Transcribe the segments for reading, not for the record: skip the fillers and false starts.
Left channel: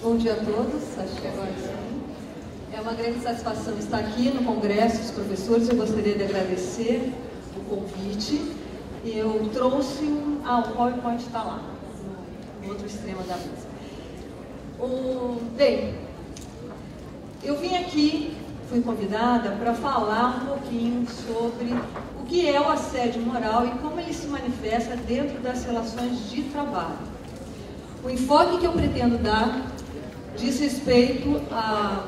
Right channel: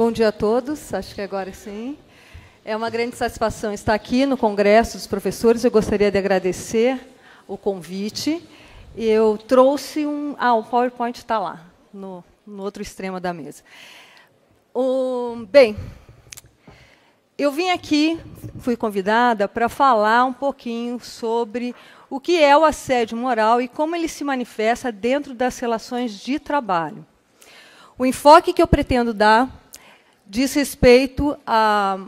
Bom dia a todos, acho que agora sim. É uma grande satisfação estar aqui no Congresso dos Professores. Eu gostaria de agradecer o convite. Eu trouxe o PowerPoint está lá, no outro extremo da mesa. Bem, eu vim aqui, fui convidada para falar um pouquinho sobre o que é o assédio moral e como ele se manifesta dentro das relações de trabalho. O enfoque que eu pretendo dar diz respeito à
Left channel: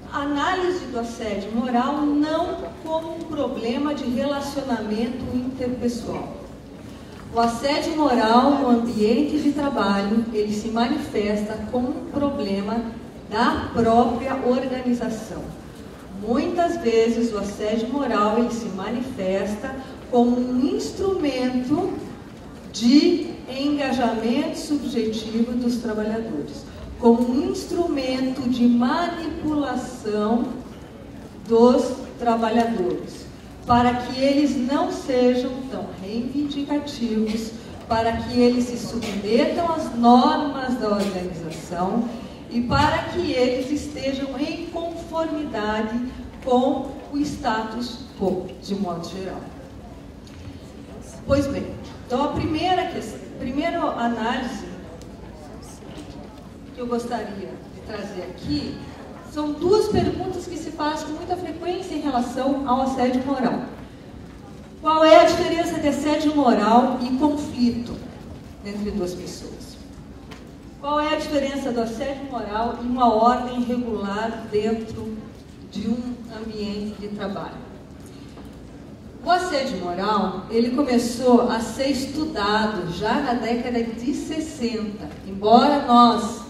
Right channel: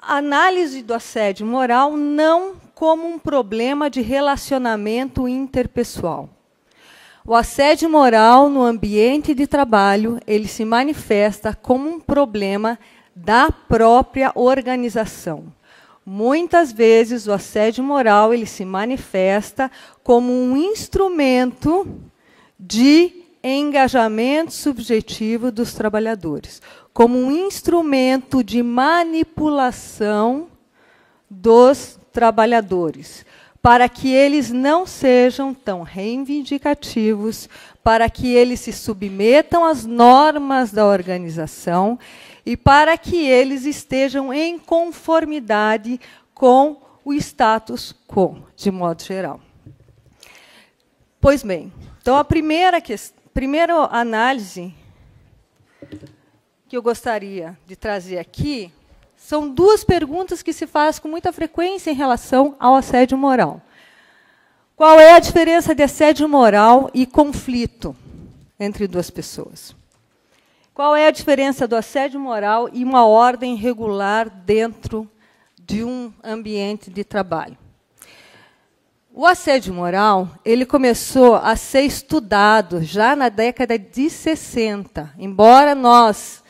análise do assédio moral não como um problema de relacionamento interpessoal. O assédio moral no ambiente de trabalho, ele se manifesta como um problema da própria organização. Muitas vezes o assédio moral ele se manifesta como um instrumento de engajamento subjetivo dos trabalhadores, como um instrumento de manipulação dos trabalhadores, para que eles não sejam tão reivindicativos, para que eles se submetam às normas da organização e para que eles estejam em conformidade com o status quo, de modo geral. Pois bem, então a primeira análise que eu gostaria de trazer aqui são duas perguntas que se fazem com muita frequência em relação ao assédio moral. Qual é a diferença de assédio moral e conflito entre duas pessoas? Qual é a diferença do assédio moral e uma ordem regular dentro de um ambiente de trabalho? O assédio moral, ele começou a ser estudado já na década de 60. Embora nós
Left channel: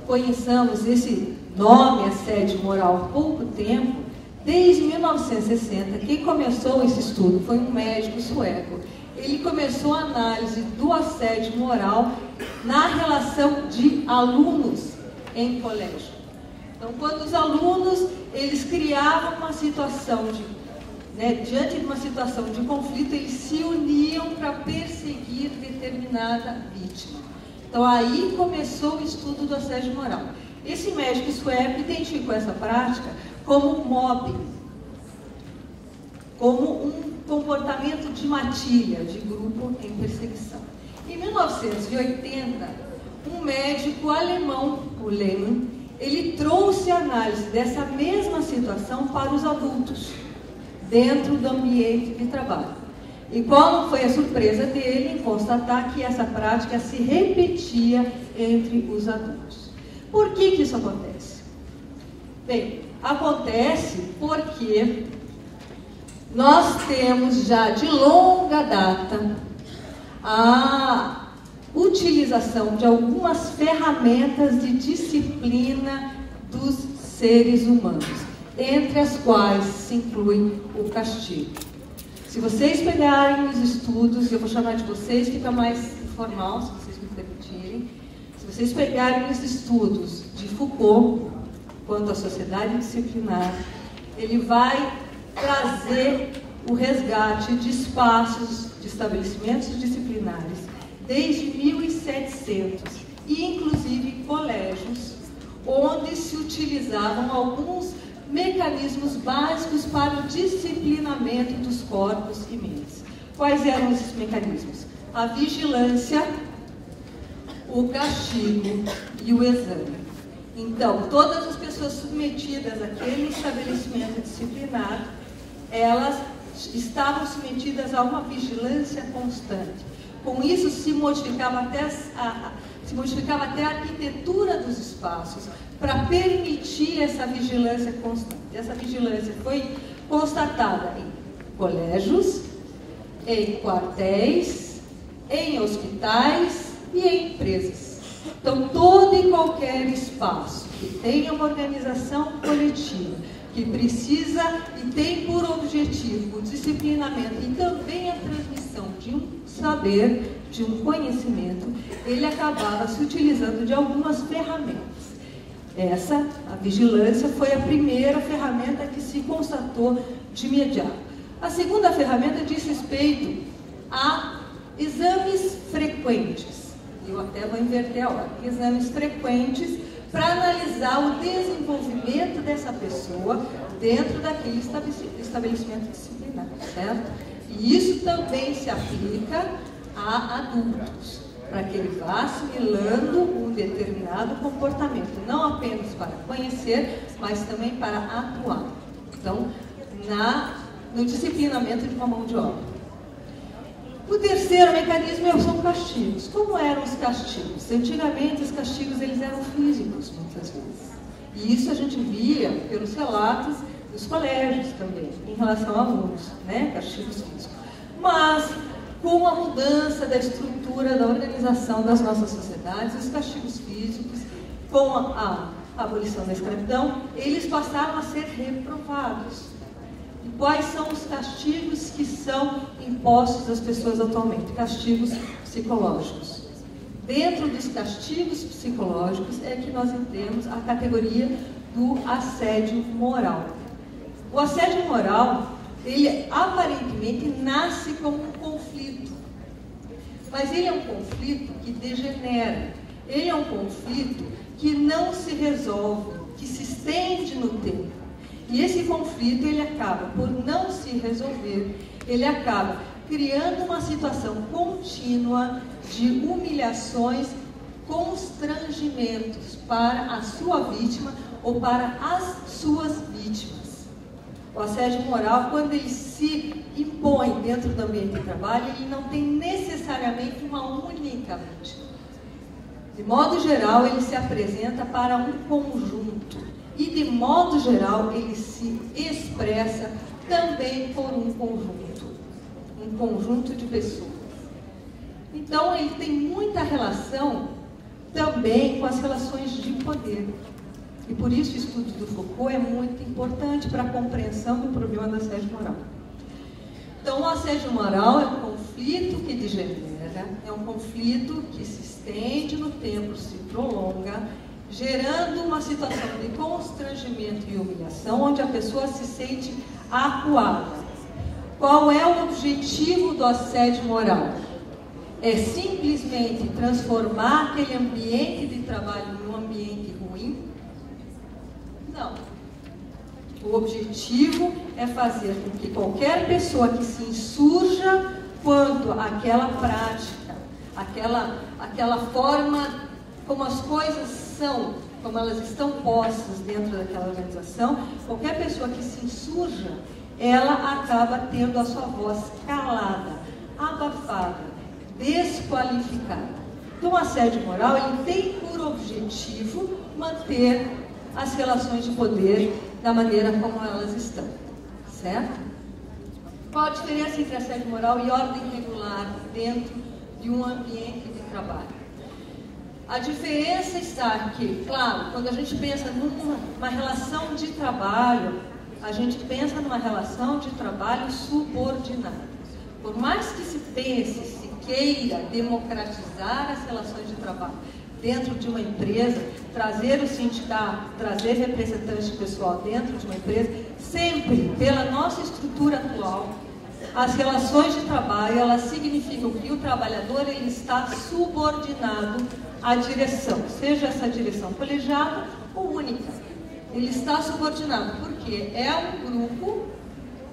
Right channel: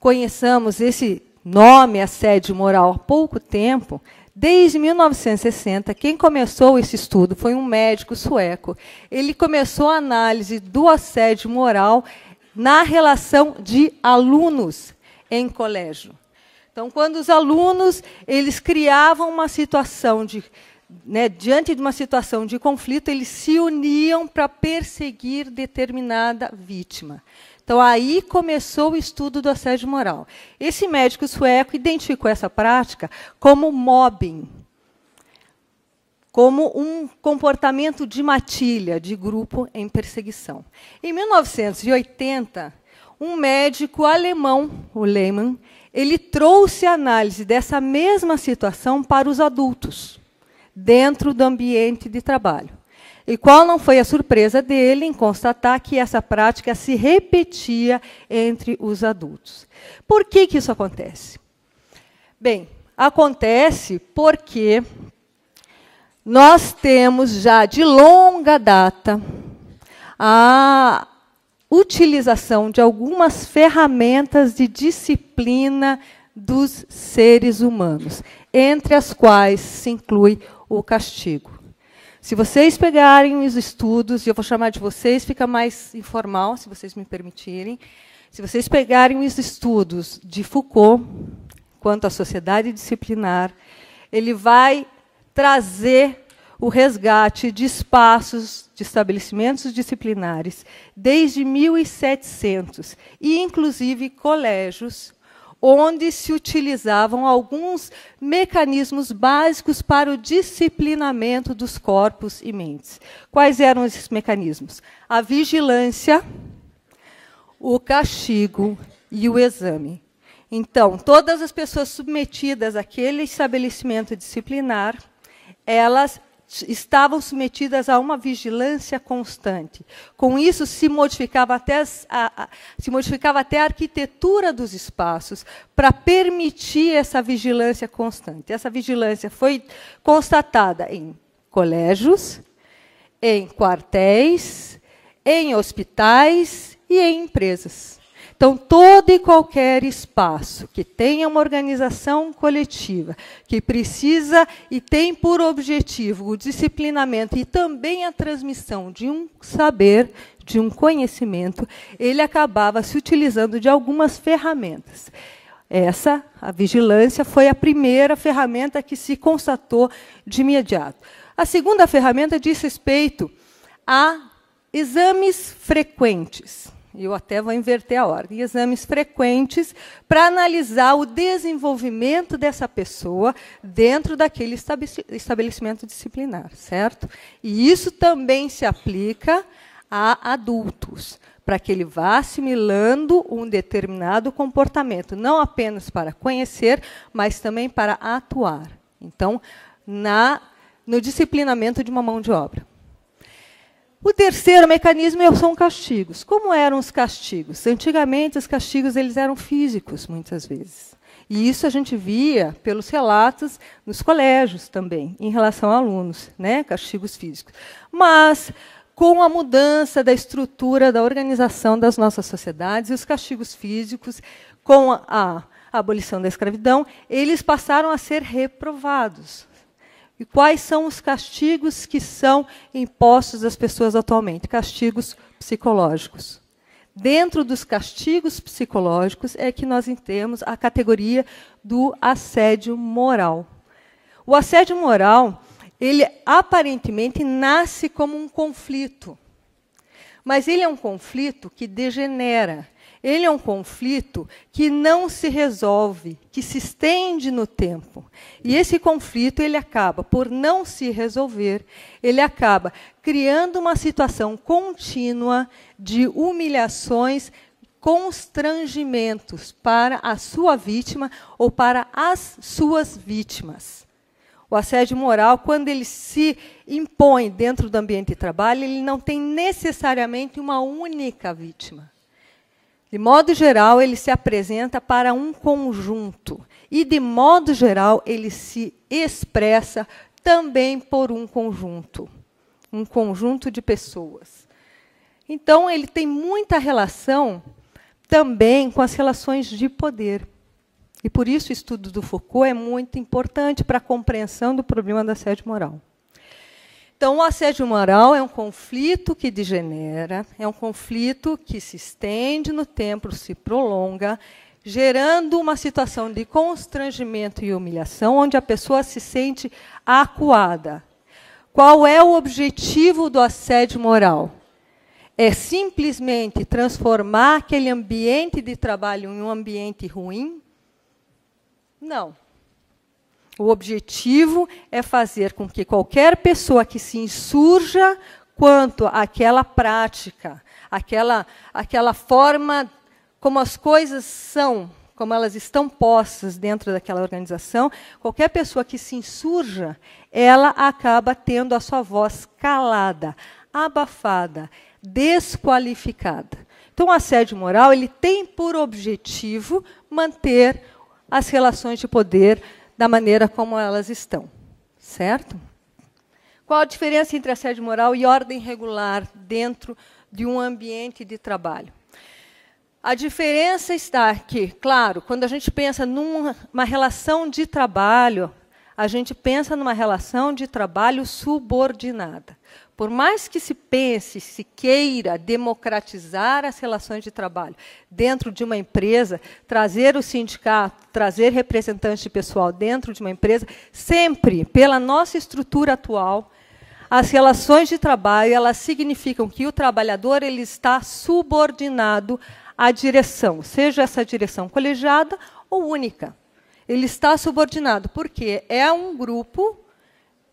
conheçamos esse nome, assédio moral, há pouco tempo, desde 1960, quem começou esse estudo foi um médico sueco. Ele começou a análise do assédio moral na relação de alunos em colégio. Então, quando os alunos eles criavam uma situação diante de uma situação de conflito, eles se uniam para perseguir determinada vítima. Então, aí começou o estudo do assédio moral. Esse médico sueco identificou essa prática como mobbing, como um comportamento de matilha, de grupo em perseguição. Em 1980, um médico alemão, o Lehmann, ele trouxe a análise dessa mesma situação para os adultos, dentro do ambiente de trabalho. E qual não foi a surpresa dele em constatar que essa prática se repetia entre os adultos. Por que isso acontece? Bem, acontece porque nós temos já de longa data a utilização de algumas ferramentas de disciplina dos seres humanos, entre as quais se inclui o castigo. Se vocês pegarem os estudos, e eu vou chamar de vocês, fica mais informal, se vocês me permitirem. Se vocês pegarem os estudos de Foucault, quanto à sociedade disciplinar, ele vai trazer o resgate de espaços, de estabelecimentos disciplinares, desde 1700, e inclusive colégios, onde se utilizavam alguns mecanismos básicos para o disciplinamento dos corpos e mentes. Quais eram esses mecanismos? A vigilância, o castigo e o exame. Então, todas as pessoas submetidas àquele estabelecimento disciplinar, elas estavam submetidas a uma vigilância constante. Com isso, se modificava até a arquitetura dos espaços para permitir essa vigilância constante. Essa vigilância foi constatada em colégios, em quartéis, em hospitais e em empresas. Então, todo e qualquer espaço que tenha uma organização coletiva, que precisa e tem por objetivo o disciplinamento e também a transmissão de um saber, de um conhecimento, ele acabava se utilizando de algumas ferramentas. A vigilância, foi a primeira ferramenta que se constatou de imediato. A segunda ferramenta diz respeito a exames frequentes. Eu até vou inverter a ordem. Exames frequentes para analisar o desenvolvimento dessa pessoa dentro daquele estabelecimento disciplinar, certo? E isso também se aplica a adultos, para que ele vá assimilando um determinado comportamento, não apenas para conhecer, mas também para atuar. Então, no disciplinamento de uma mão de obra. O terceiro mecanismo são castigos. Como eram os castigos? Antigamente, os castigos eles eram físicos, muitas vezes. E isso a gente via pelos relatos dos colégios também, em relação a alunos, né? Castigos físicos. Mas, com a mudança da estrutura, da organização das nossas sociedades, os castigos físicos, com a abolição da escravidão, eles passaram a ser reprovados. E quais são os castigos que são impostos às pessoas atualmente? Castigos psicológicos. Dentro dos castigos psicológicos é que nós temos a categoria do assédio moral. O assédio moral, ele aparentemente nasce como um conflito, mas ele é um conflito que degenera. Ele é um conflito que não se resolve, que se estende no tempo. E esse conflito, ele acaba por não se resolver, ele acaba criando uma situação contínua de humilhações, constrangimentos para a sua vítima ou para as suas vítimas. O assédio moral, quando ele se impõe dentro do ambiente de trabalho, ele não tem necessariamente uma única vítima. De modo geral, ele se apresenta para um conjunto. E, de modo geral, ele se expressa também por um conjunto de pessoas. Então, ele tem muita relação também com as relações de poder. E, por isso, o estudo do Foucault é muito importante para a compreensão do problema do assédio moral. Então, o assédio moral é um conflito que degenera, é um conflito que se estende no tempo, se prolonga, gerando uma situação de constrangimento e humilhação, onde a pessoa se sente acuada. Qual é o objetivo do assédio moral? É simplesmente transformar aquele ambiente de trabalho em um ambiente ruim? Não. O objetivo é fazer com que qualquer pessoa que se insurja quanto àquela prática, aquela forma como as coisas são, como elas estão postas dentro daquela organização, qualquer pessoa que se insurja, ela acaba tendo a sua voz calada, abafada, desqualificada. Então, o assédio moral, ele tem por objetivo manter as relações de poder da maneira como elas estão, certo? Qual a diferença entre assédio moral e ordem regular dentro de um ambiente de trabalho? A diferença está que, claro, quando a gente pensa numa relação de trabalho, a gente pensa numa relação de trabalho subordinada. Por mais que se pense, se queira democratizar as relações de trabalho dentro de uma empresa, trazer o sindicato, trazer representantes de pessoal dentro de uma empresa, sempre, pela nossa estrutura atual, as relações de trabalho, elas significam que o trabalhador ele está subordinado à direção, seja essa direção colegiada ou única. Ele está subordinado porque é um grupo,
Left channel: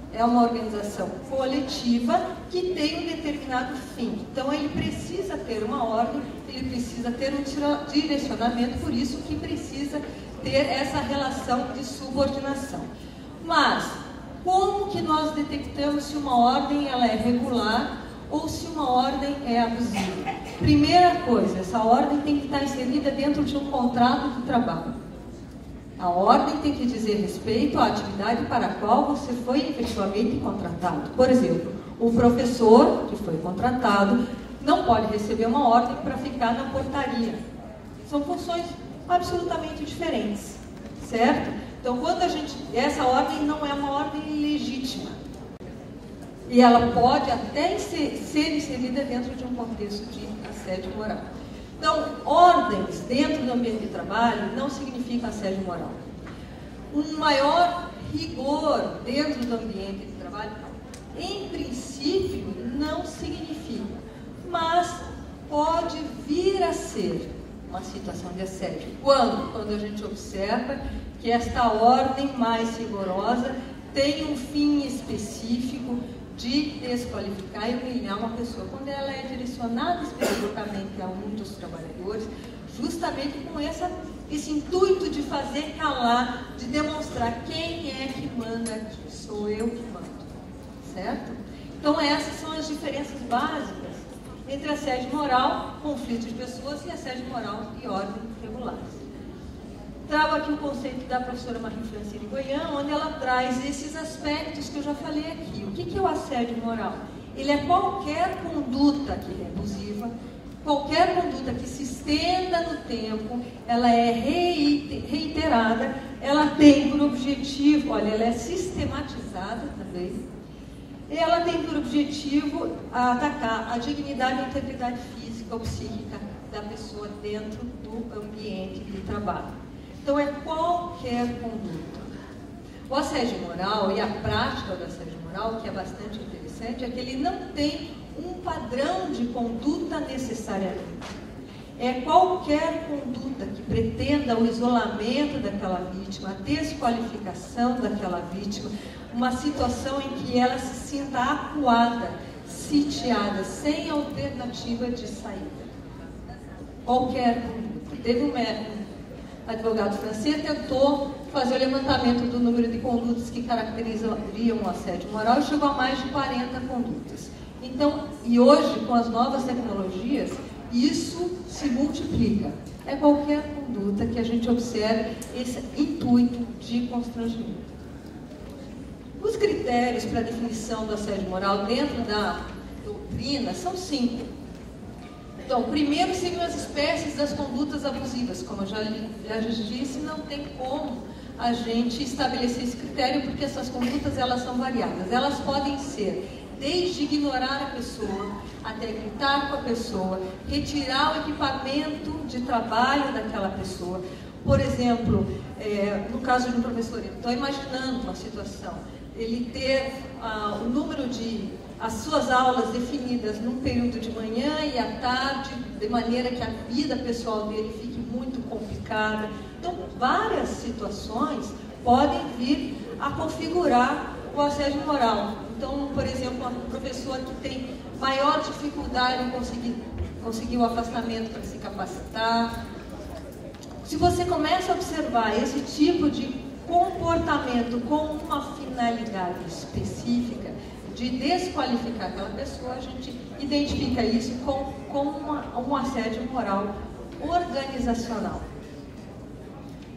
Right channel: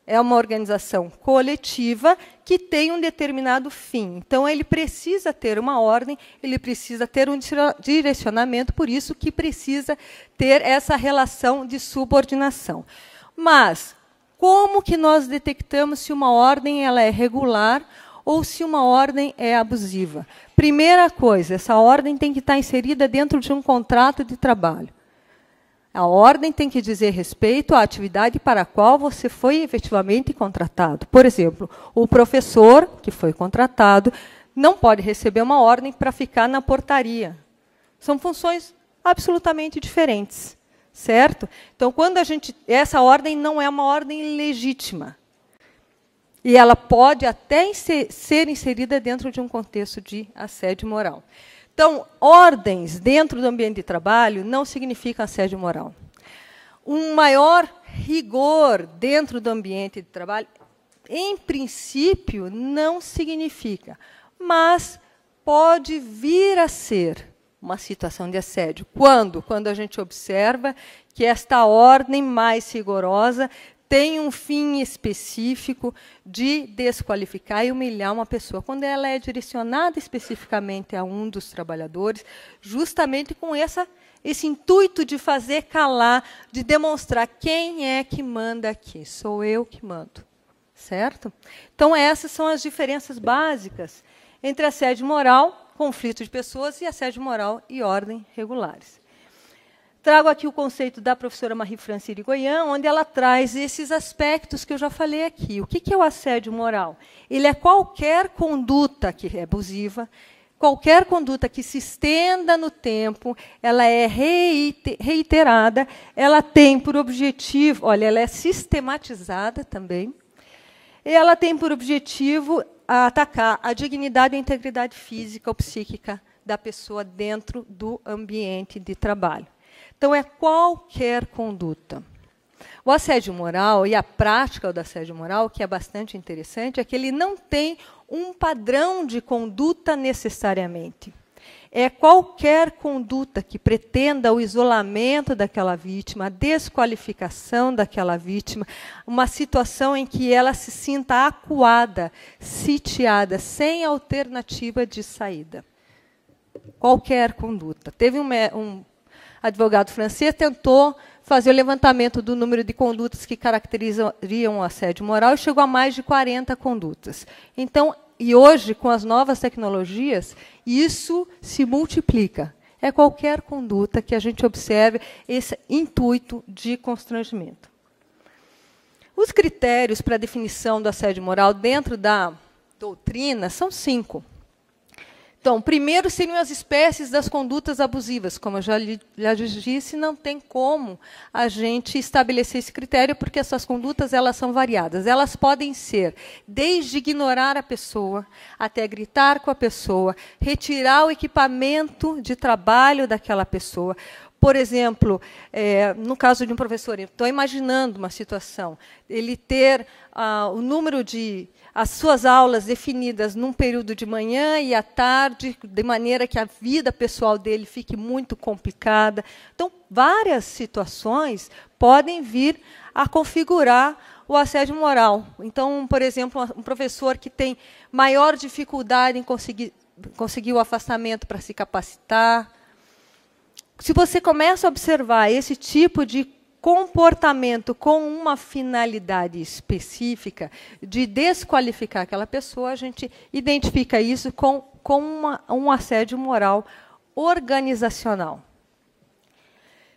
é uma organização coletiva que tem um determinado fim. Então, ele precisa ter uma ordem, ele precisa ter um direcionamento, por isso que precisa ter essa relação de subordinação. Mas, como que nós detectamos se uma ordem ela é regular ou se uma ordem é abusiva? Primeira coisa, essa ordem tem que estar inserida dentro de um contrato de trabalho. A ordem tem que dizer respeito à atividade para a qual você foi efetivamente contratado. Por exemplo, o professor que foi contratado não pode receber uma ordem para ficar na portaria. São funções absolutamente diferentes, certo? Então, essa ordem não é uma ordem legítima. E ela pode até ser inserida dentro de um contexto de assédio moral. Então, ordens dentro do ambiente de trabalho não significa assédio moral. Um maior rigor dentro do ambiente de trabalho, em princípio, não significa. Mas pode vir a ser uma situação de assédio. Quando? Quando a gente observa que esta ordem mais rigorosa tem um fim específico de desqualificar e humilhar uma pessoa. Quando ela é direcionada especificamente a um dos trabalhadores, justamente com esse intuito de fazer calar, de demonstrar quem é que manda aqui. Sou eu que mando. Certo? Então, essas são as diferenças básicas entre assédio moral, conflito de pessoas, e assédio moral e ordem regulares. Trago aqui o conceito da professora Marie-Francine Goyan, onde ela traz esses aspectos que eu já falei aqui. O que é o assédio moral? Ele é qualquer conduta que é abusiva, qualquer conduta que se estenda no tempo, ela é reiterada, ela tem por objetivo, olha, ela é sistematizada também, e ela tem por objetivo atacar a dignidade e a integridade física ou psíquica da pessoa dentro do ambiente de trabalho. Então, é qualquer conduta. O assédio moral e a prática do assédio moral, que é bastante interessante, é que ele não tem um padrão de conduta necessariamente. É qualquer conduta que pretenda o isolamento daquela vítima, a desqualificação daquela vítima, uma situação em que ela se sinta acuada, sitiada, sem alternativa de saída. Qualquer conduta. Teve um advogado francês tentou fazer o levantamento do número de condutas que caracterizariam o assédio moral e chegou a mais de 40 condutas. Então, e hoje, com as novas tecnologias, isso se multiplica. É qualquer conduta que a gente observe esse intuito de constrangimento. Os critérios para a definição do assédio moral dentro da doutrina são 5. Então, primeiro seriam as espécies das condutas abusivas. Como eu já disse, não tem como a gente estabelecer esse critério, porque essas condutas elas são variadas. Elas podem ser desde ignorar a pessoa, até gritar com a pessoa, retirar o equipamento de trabalho daquela pessoa. Por exemplo, no caso de um professor, estou imaginando uma situação, ele ter o número de as suas aulas definidas num período de manhã e à tarde, de maneira que a vida pessoal dele fique muito complicada. Então, várias situações podem vir a configurar o assédio moral. Então, por exemplo, um professor que tem maior dificuldade em conseguir o afastamento para se capacitar. Se você começa a observar esse tipo de comportamento com uma finalidade específica, de desqualificar aquela pessoa, a gente identifica isso com um assédio moral organizacional.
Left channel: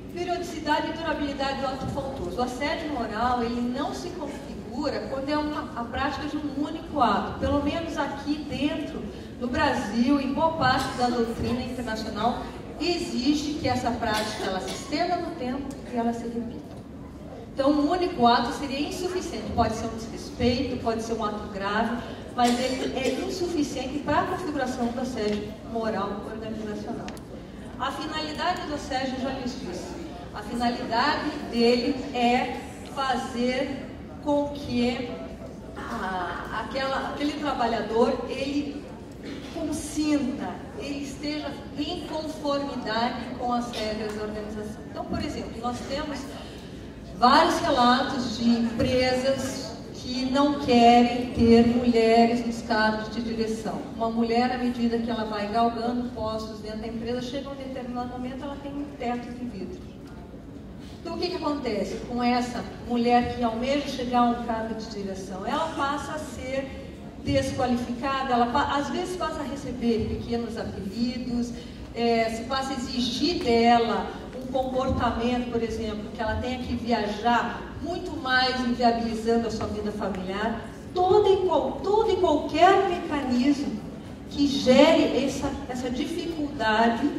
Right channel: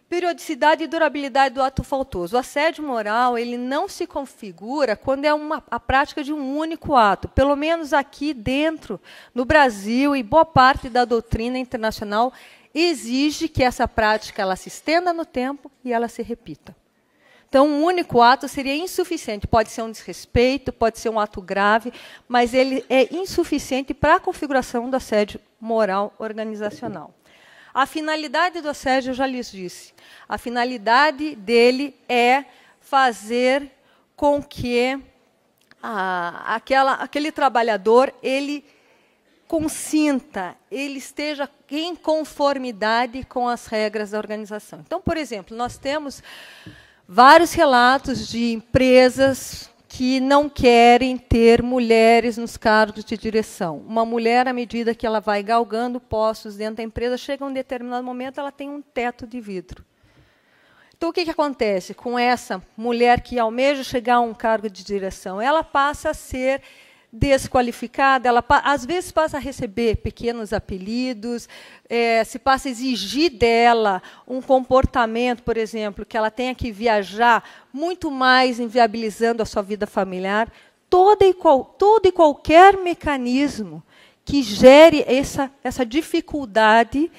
Periodicidade e durabilidade do ato faltoso. O assédio moral ele não se configura quando é a prática de um único ato. Pelo menos aqui dentro, no Brasil, e boa parte da doutrina internacional exige que essa prática ela se estenda no tempo e ela se repita. Então, um único ato seria insuficiente. Pode ser um desrespeito, pode ser um ato grave, mas ele é insuficiente para a configuração do assédio moral organizacional. A finalidade do assédio, eu já lhes disse. A finalidade dele é fazer com que aquele trabalhador, ele consinta, ele esteja em conformidade com as regras da organização. Então, por exemplo, nós temos vários relatos de empresas que não querem ter mulheres nos cargos de direção. Uma mulher, à medida que ela vai galgando postos dentro da empresa, chega a um determinado momento, ela tem um teto de vidro. Então, o que acontece com essa mulher que almeja chegar a um cargo de direção? Ela passa a ser desqualificada, ela às vezes passa a receber pequenos apelidos, se passa a exigir dela um comportamento, por exemplo, que ela tenha que viajar muito mais, inviabilizando a sua vida familiar. Todo e qualquer mecanismo que gere essa dificuldade,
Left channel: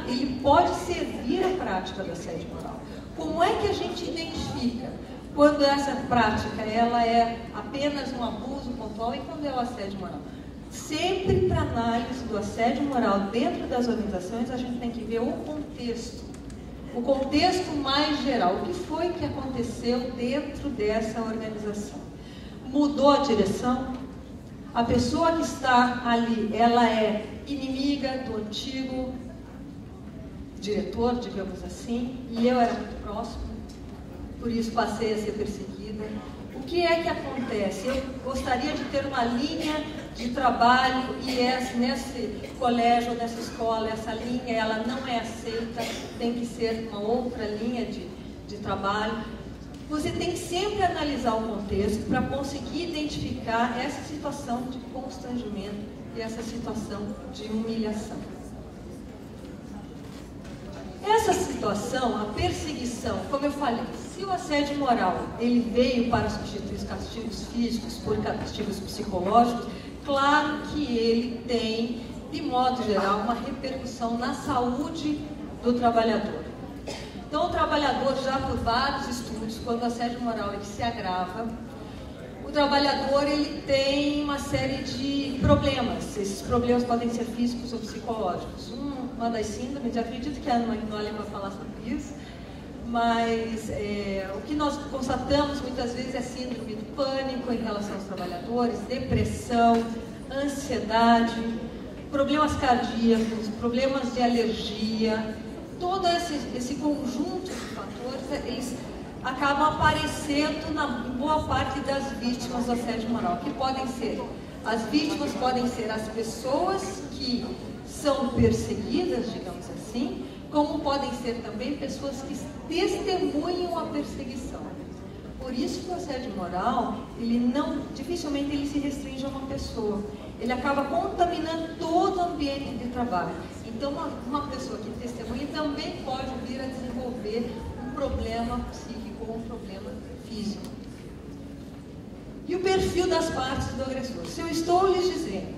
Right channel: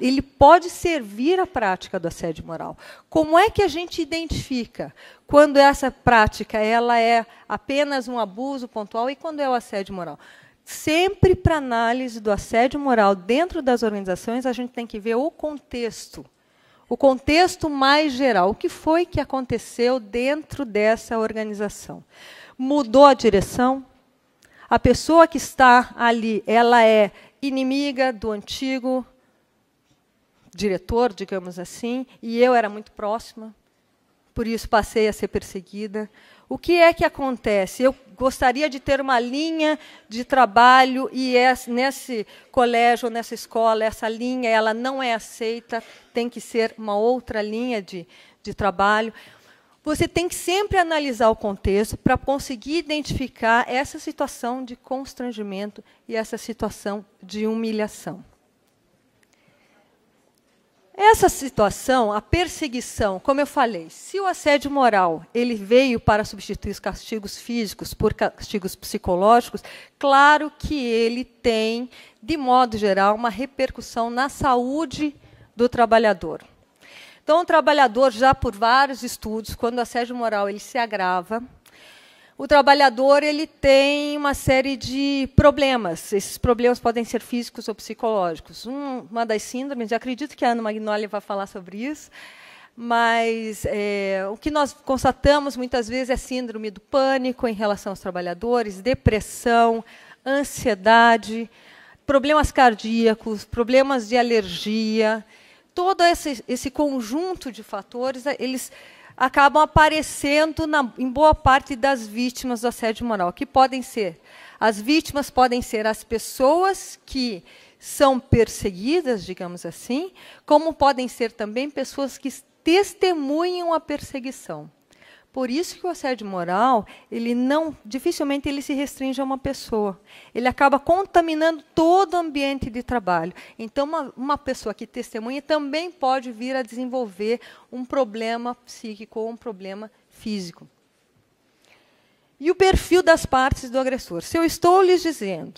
ele pode servir à prática do assédio moral. Como é que a gente identifica quando essa prática ela é apenas um abuso pontual e quando é o assédio moral? Sempre para análise do assédio moral dentro das organizações, a gente tem que ver o contexto mais geral. O que foi que aconteceu dentro dessa organização? Mudou a direção? A pessoa que está ali, ela é inimiga do antigo diretor, digamos assim, e eu era muito próxima, por isso passei a ser perseguida. O que é que acontece? Eu gostaria de ter uma linha de trabalho e nesse colégio, nessa escola, essa linha ela não é aceita, tem que ser uma outra linha de trabalho. Você tem que sempre analisar o contexto para conseguir identificar essa situação de constrangimento e essa situação de humilhação. Essa situação, a perseguição, como eu falei, se o assédio moral ele veio para substituir os castigos físicos por castigos psicológicos, claro que ele tem, de modo geral, uma repercussão na saúde do trabalhador. Então, o trabalhador, já por vários estudos, quando o assédio moral ele se agrava, o trabalhador ele tem uma série de problemas. Esses problemas podem ser físicos ou psicológicos. Uma das síndromes, eu acredito que a Ana Magnoli vai falar sobre isso, mas o que nós constatamos muitas vezes é síndrome do pânico em relação aos trabalhadores, depressão, ansiedade, problemas cardíacos, problemas de alergia. Todo esse conjunto de fatores, eles acabam aparecendo em boa parte das vítimas do assédio moral, que podem ser, as vítimas podem ser as pessoas que são perseguidas, digamos assim, como podem ser também pessoas que testemunham a perseguição. Por isso que o assédio moral, dificilmente ele se restringe a uma pessoa. Ele acaba contaminando todo o ambiente de trabalho. Então, uma pessoa que testemunha também pode vir a desenvolver um problema psíquico ou um problema físico. E o perfil das partes do agressor. Se eu estou lhes dizendo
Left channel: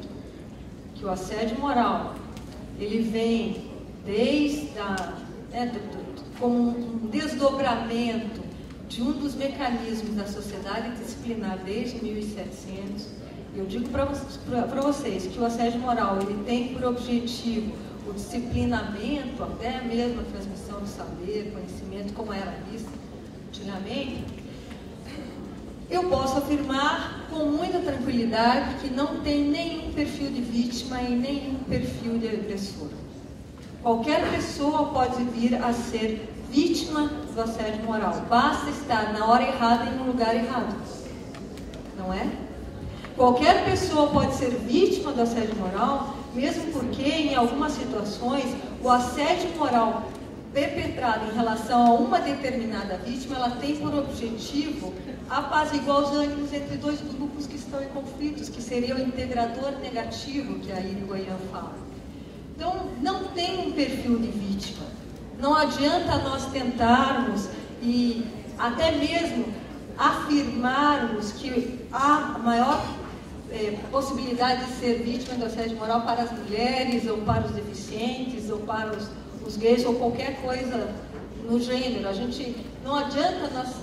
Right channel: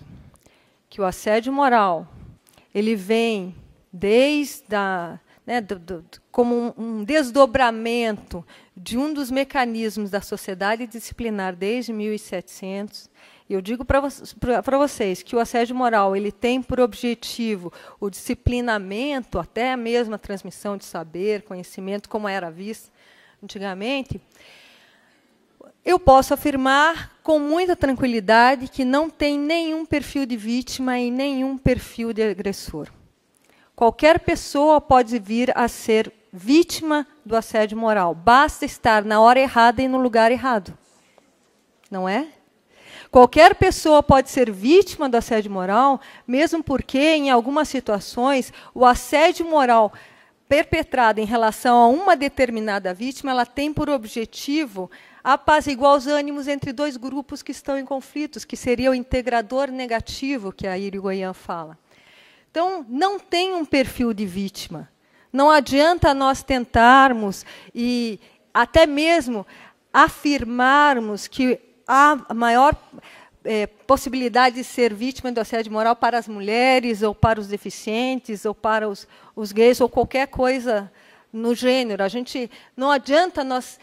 que o assédio moral, ele vem como um desdobramento de um dos mecanismos da sociedade disciplinar desde 1700, e eu digo para vocês que o assédio moral ele tem por objetivo o disciplinamento, até mesmo a transmissão de saber, conhecimento, como era visto antigamente, eu posso afirmar com muita tranquilidade que não tem nenhum perfil de vítima e nenhum perfil de agressor. Qualquer pessoa pode vir a ser vítima do assédio moral. Basta estar na hora errada e no lugar errado. Não é? Qualquer pessoa pode ser vítima do assédio moral, mesmo porque, em algumas situações, o assédio moral perpetrado em relação a uma determinada vítima, ela tem por objetivo apaziguar os ânimos entre dois grupos que estão em conflitos, que seria o integrador negativo, que a Irigoyen fala. Então, não tem um perfil de vítima. Não adianta nós tentarmos e até mesmo afirmarmos que há maior possibilidade de ser vítima do assédio moral para as mulheres, ou para os deficientes, ou para os gays, ou qualquer coisa no gênero. Não adianta nós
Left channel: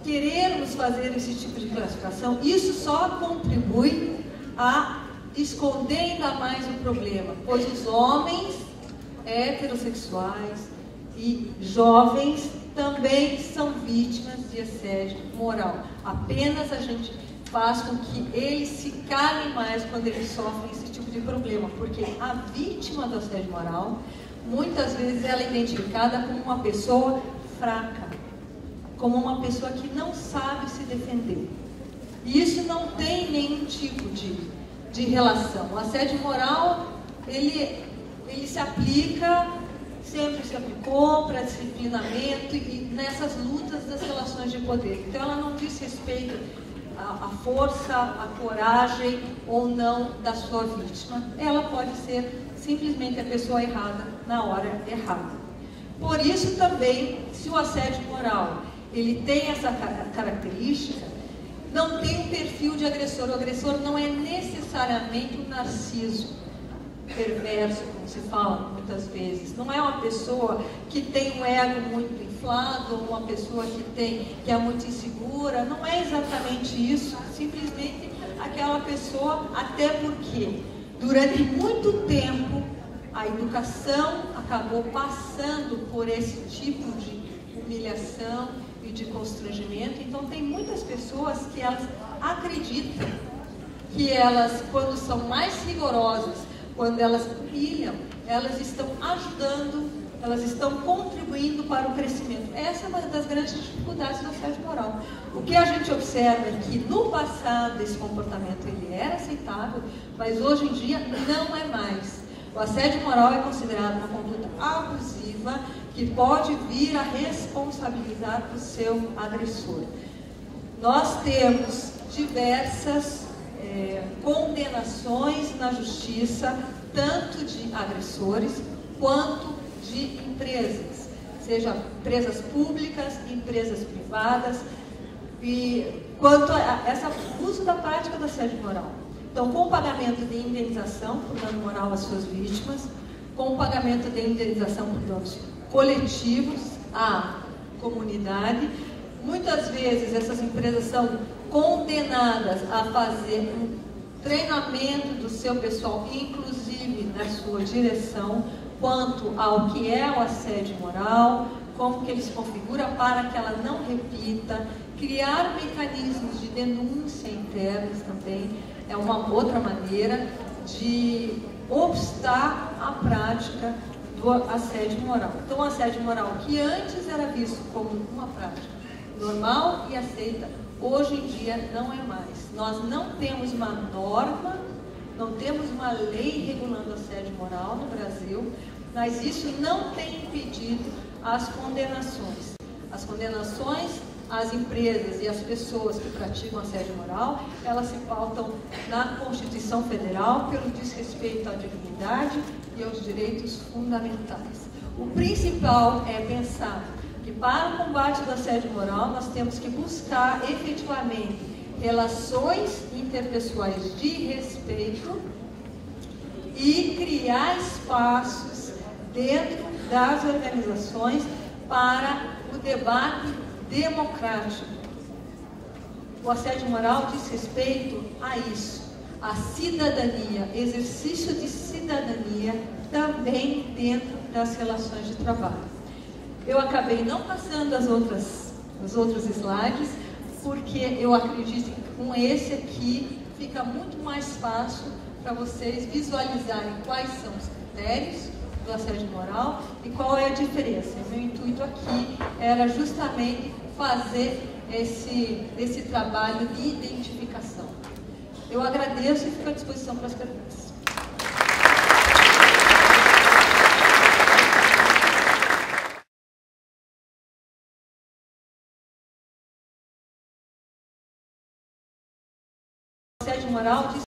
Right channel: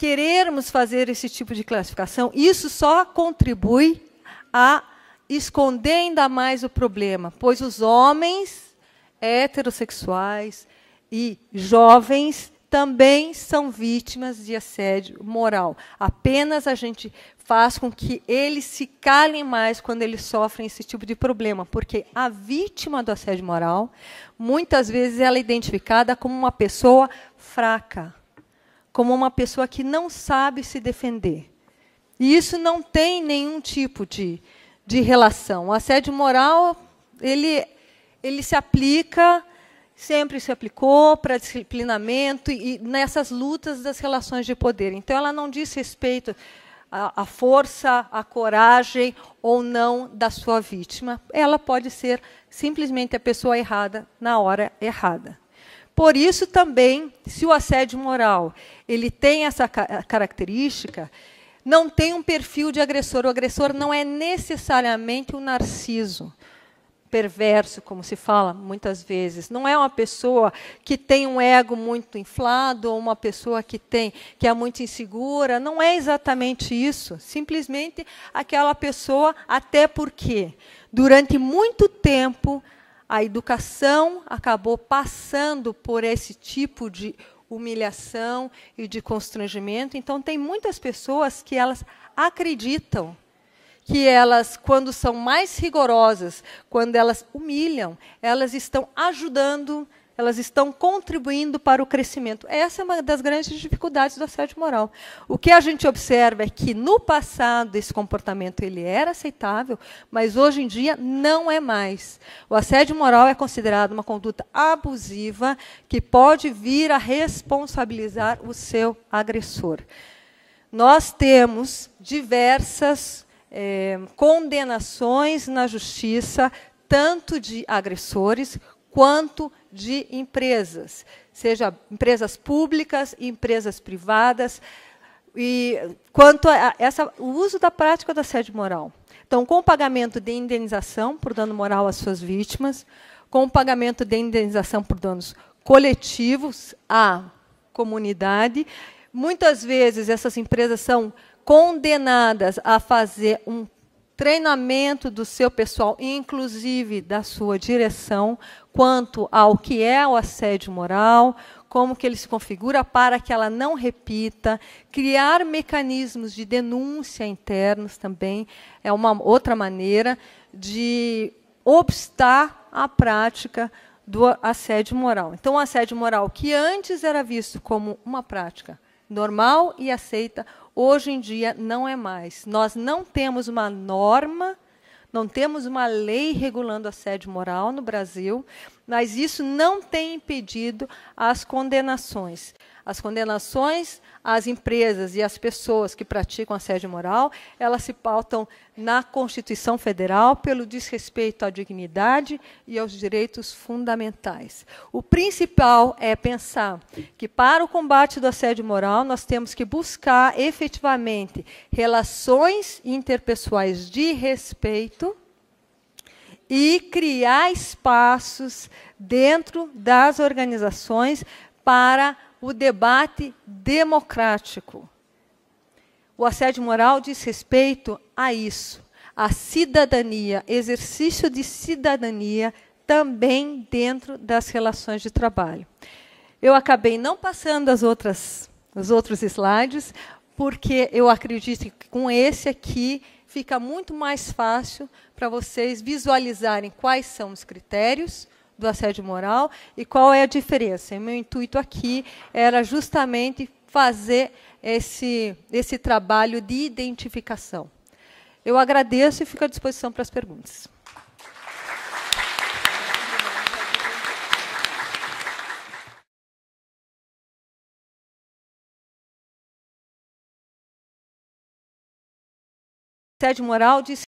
querermos fazer esse tipo de classificação. Isso só contribui a esconder ainda mais o problema, pois os homens heterossexuais e jovens também são vítimas de assédio moral. Apenas a gente faz com que eles se calem mais quando eles sofrem esse tipo de problema, porque a vítima do assédio moral, muitas vezes ela é identificada como uma pessoa fraca, como uma pessoa que não sabe se defender. E isso não tem nenhum tipo de relação. O assédio moral, ele se aplica, sempre se aplicou para disciplinamento e nessas lutas das relações de poder. Então, ela não diz respeito à força, à coragem ou não da sua vítima. Ela pode ser simplesmente a pessoa errada na hora errada. Por isso, também, se o assédio moral ele tem essa característica, não tem um perfil de agressor. O agressor não é necessariamente um narciso perverso, como se fala muitas vezes. Não é uma pessoa que tem um ego muito inflado, ou uma pessoa que é muito insegura. Não é exatamente isso. Simplesmente aquela pessoa, até porque durante muito tempo a educação acabou passando por esse tipo de humilhação e de constrangimento. Então tem muitas pessoas que elas acreditam que elas, quando são mais rigorosas, quando elas humilham, elas estão ajudando, elas estão contribuindo para o crescimento. Essa é uma das grandes dificuldades do assédio moral. O que a gente observa é que no passado esse comportamento ele era aceitável, mas hoje em dia não é mais. O assédio moral é considerado uma conduta abusiva que pode vir a responsabilizar o seu agressor. Nós temos diversas condenações na justiça, tanto de agressores quanto de empresas, seja empresas públicas, empresas privadas, e quanto a o uso da prática do assédio moral. Então, com o pagamento de indenização por dano moral às suas vítimas, com o pagamento de indenização por danos coletivos à comunidade. Muitas vezes essas empresas são condenadas a fazer um treinamento do seu pessoal, inclusive da sua direção, quanto ao que é o assédio moral, como que ele se configura para que ela não repita, criar mecanismos de denúncia internos também é uma outra maneira de obstar a prática do assédio moral. Então, o assédio moral, que antes era visto como uma prática normal e aceita, hoje em dia não é mais. Nós não temos uma norma, não temos uma lei regulando assédio moral no Brasil, mas isso não tem impedido as condenações. As condenações às empresas e às pessoas que praticam assédio moral, elas se pautam na Constituição Federal pelo desrespeito à dignidade e aos direitos fundamentais. O principal é pensar que para o combate do assédio moral nós temos que buscar efetivamente relações interpessoais de respeito e criar espaços dentro das organizações para o debate democrático. O assédio moral diz respeito a isso, a cidadania, exercício de cidadania também dentro das relações de trabalho. Eu acabei não passando os outros slides, porque eu acredito que com esse aqui fica muito mais fácil para vocês visualizarem quais são os critérios do assédio moral e qual é a diferença. E meu intuito aqui era justamente fazer esse trabalho de identificação. Eu agradeço e fico à disposição para as perguntas. Assédio moral diz